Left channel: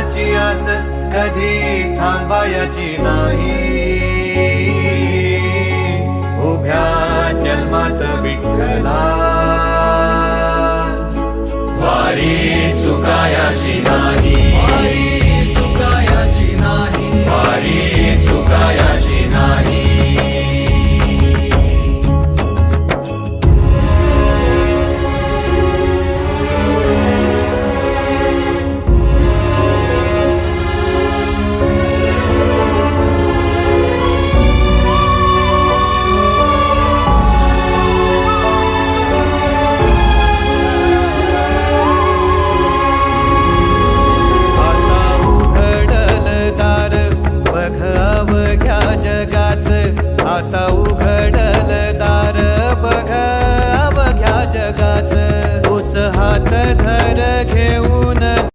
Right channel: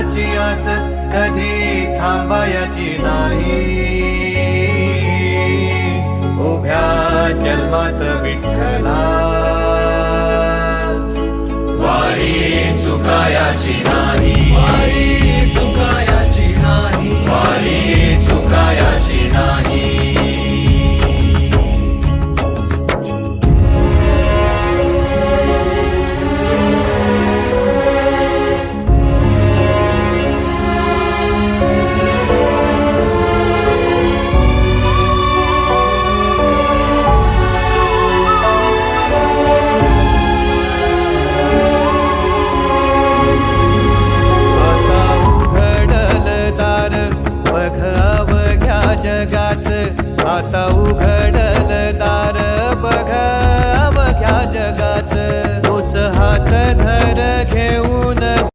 देवाची आस कधी थांबायची नाही. उभ्या जन्मात विठ्ठला वारी चुकायाची नाही. वारी चुकायाची नाही. बघ अवघ्या जगाच, आता उघडल दार बघ अवघ्या जगाच. तूच हात धर घेऊन